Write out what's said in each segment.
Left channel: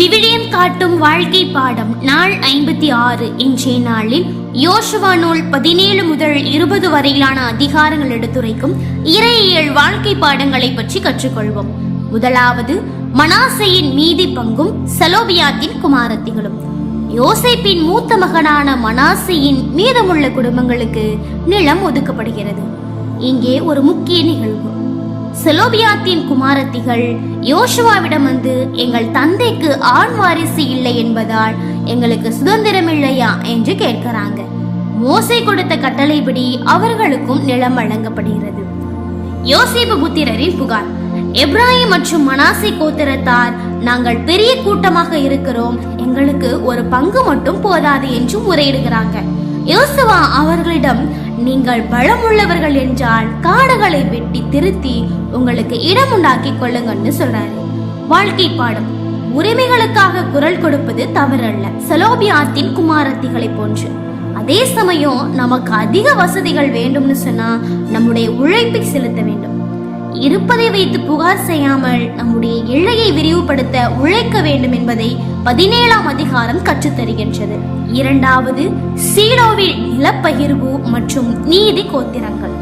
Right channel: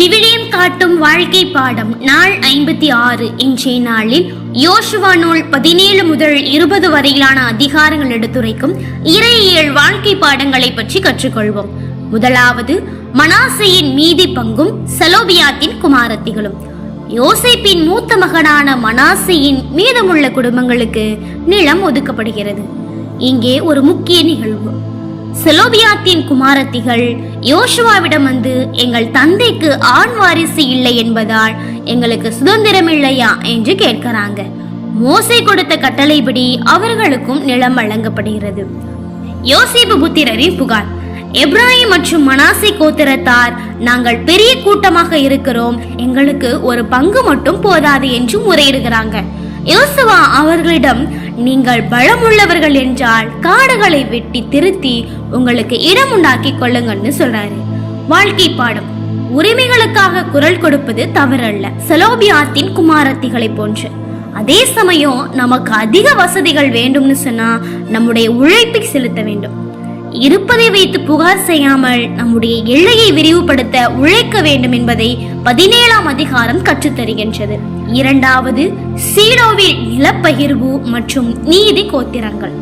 விவிலியம் காட்டும் வாழ்க்கை பாடம் நாள் 56. இன்றைய நாளில் யோசுவா நூல் 17 முதல் 20 வரையிலான அதிகாரங்கள் எடுத்துரைக்கும் இறையியல் வாழ்க்கை பாடங்களை பற்றி கற்றுக்கொள்வோம். முதலாவது, மனாசேயின் மீதி பங்கும் செலோபியாத்தின் குமாரத்திகளும். யோசேப்பின் மூத்த மகனான மனாசேயின் மீதமுள்ள குடும்பங்களுக்கு நிலம் ஒதுக்கப்படுகிறது. இங்கே ஒரு முக்கிய நிகழ்வு. செலோபியாத்தின் குமாரத்திகள் யோசுவாவிடம் வந்து, எங்கள் தந்தைக்கு ஆண் வாரிசு இல்லை என்பதால் எங்களுக்கு சுதந்திரம் இல்லையா என்று கேட்கிறாங்க. மோசே கொடுத்த கட்டளைப்படி அவர்களுக்கும் நிலம் வழங்கப்படுகிறது. யோசேப்பு புத்திரரின் புகார். எப்ராஹிம் மற்றும் மனாசே கோத்திரத்தார், நாங்கள் பெரிய கூட்டமாக இருக்கிறோம், எங்களுக்கு ஒரு பங்கு மட்டும் போதாது என்று முறையிடுகிறாங்க. யோசுவா அவர்களிடம், நீங்கள் பலமுள்ளவர்கள் என்றால் காடுகளை வெட்டி திருத்தி உங்களுக்கு இடம் உண்டாக்கி கொள்ளுங்கன்னு சொல்றாரு. வாழ்க்கை பாடம். உரிமைகளுக்காக குரல் கொடுப்பது தவறல்ல, செலோபியாத்தின் குமாரத்திகளை போன்று. அதே சமயம் நமக்கு அதிக வசதிகள் வேண்டும்னு சொன்னா நம்முடைய உழைப்பை செலுத்த வேண்டும். இருப்பதை வைத்து புகார் செய்யாமல் நம்முடைய எல்லையை விரிவுபடுத்த உழைக்க வேண்டும் என்பதை 17ஆம் அதிகாரம் கற்றுத்தருகின்றது. இரண்டாவது, சீலோவில் நிலப்பகிர்வு மற்றும் நீதி கோத்திரங்கள்.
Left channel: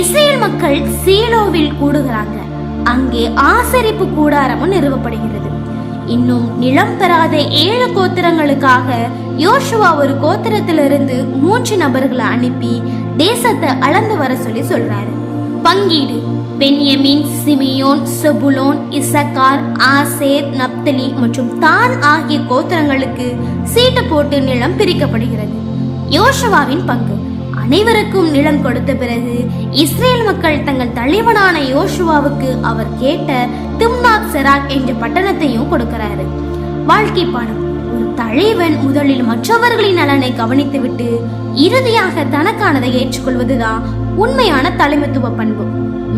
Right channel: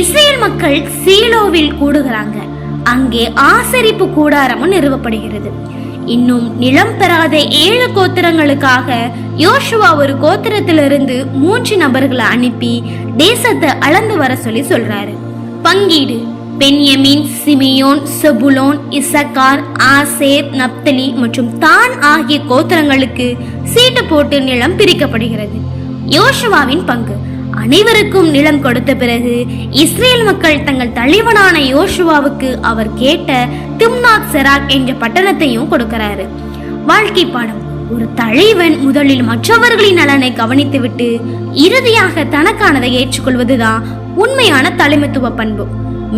இஸ்ரேல் மக்கள் சீலோவில் கூடுகிறாங்க. அங்கே ஆசரிப்பு கூடாரமும் நிறுவப்படுகிறது. இன்னும் நிலம் பெறாத 7 கோத்திரங்களுக்காக யோசுவா ஒரு கோத்திரத்திலிருந்து 3 நபர்களை அனுப்பி தேசத்தை அளந்து வர சொல்லி சொல்றாரு. பங்கீடு. பென்யமீன், சிமியோன், செபுலோன், இசக்கார், ஆசேர், நப்தலி மற்றும் தான் ஆகிய கோத்திரங்களுக்கு சீட்டு போட்டு நிலம் பிரிக்கப்படுகிறது. யோசுவாவின் பங்கு. அனைவருக்கும் நிலம் கொடுத்த பிறகு இஸ்ரேல் மக்கள் தங்கள் தலைவனான யோசுவாவுக்கு அவர் கேட்ட திம்னாத் செராக் என்ற பட்டணத்தையும் கொடுக்கிறாரு. வாழ்க்கை பாடம். ஒரு தலைவன் முதலில் மற்றவர்களின் நலனை கவனித்துவிட்டு இறுதியாக தனக்கானதை ஏற்றுக்கொள்வதுதான் உண்மையான தலைமைத்துவ பண்பு.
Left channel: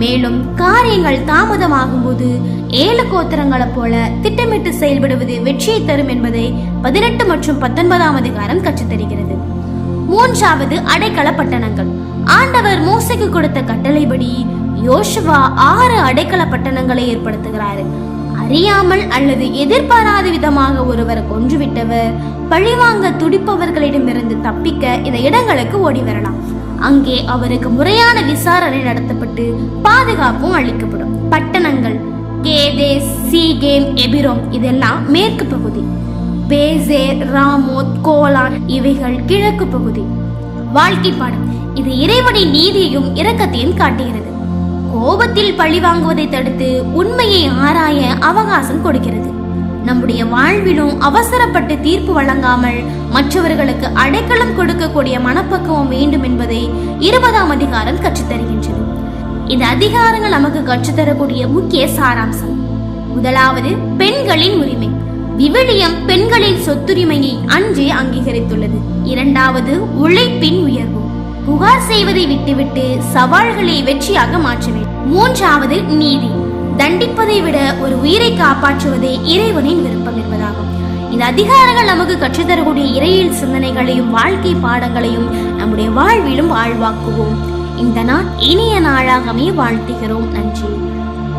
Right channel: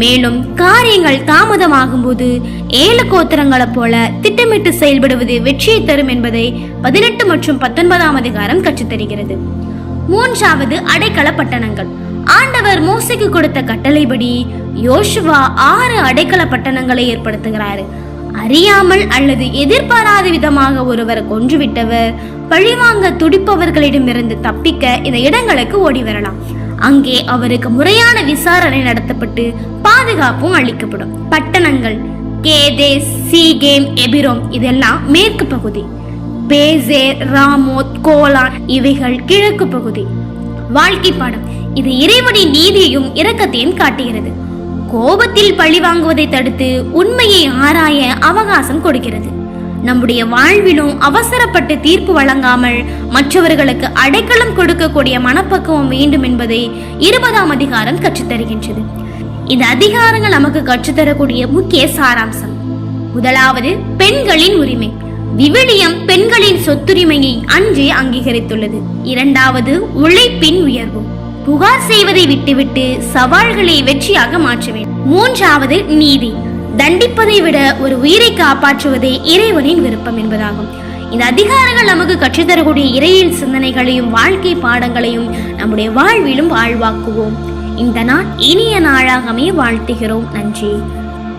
மேலும் காரியங்கள் தாமதமாகும் போது 7 கோத்திரங்களை போல திட்டமிட்டு செயல்படுவது வெற்றியை தரும் என்பதை 18 மற்றும் 19ஆம் அதிகாரம் கற்றுத்தருகிறது. மூன்றாவது, அடைக்கல பட்டணங்கள். ஆண்டவர் மோசேக்கு கொடுத்த கட்டளைப்படி யோசுவா 6 அடைக்கல பட்டணங்களை ஏற்படுத்துகிறாரு. அறியாமல் அல்லது எதிர்பாராத விதமாக ஒருவரை கொன்றுவிட்டவர் பழிவாங்க துடிப்பவர்களிடமிருந்து தப்பிக்க இந்த இடங்களுக்கு ஓடி வரலாம். அங்கே அவருக்கு முறையான விசாரணை நடத்தப்பட்டு பாதுகாப்பும் அளிக்கப்படும். பட்டணங்கள் கேதேஸ், சீகேம், எபிரோம் இதெல்லாம் மேற்கு பகுதி. பேசேர், ராமோத், கோலான் இவைகள் கிழக்கு பகுதி. வாழ்க்கை பாடம். இது இறைவனின் நீதியையும் இரக்கத்தையும் காட்டுகிறது. கோபத்தில் பழி வாங்குவதை தடுத்து உண்மையை ஆராய அவகாசம் கொடுக்கிறது. நம்முடைய வாழ்விலும் அவசரப்பட்டு தீர்ப்பு வழங்காமல் மற்றவர்களுக்கு அடைக்கலம் கொடுக்கக்கூடிய மனப்பக்குவம் வேண்டும் என்பதை 20ஆம் அதிகாரம் கற்றுத்தருகின்றது. இந்த அதிகாரங்கள் நமக்கு கற்றுத்தரக்கூடிய முக்கிய சாராம்சம். முதலாவது, பெண்களின் உரிமை. விவிலியம் பெண்களின் சொத்துரிமையை அன்றே அங்கீகரித்துள்ளது. இரண்டாவது, உழைப்பின் உயர்வு. புகார் செய்வதை விட்டுவிட்டு சவால்களை வெற்றியாக மாற்ற வேண்டும். மூன்றாவது, நீதி. தண்டிப்பதை விட ஒரு உயிரை காப்பாற்றுவதே இறைவனின் விருப்பம் என்பதாகும். இந்த அதிகாரங்கள் நமக்கு கற்றுத்தரக்கூடிய இறையியல் சிந்தனைகளையும் வாழ்க்கை பாடங்களையும் நம்முடைய வாழ்விலும் வாழ்வாக்குவோம். இந்த நாள் இனிய நாளாகவே வாழ்த்துகிறோம். நன்றி.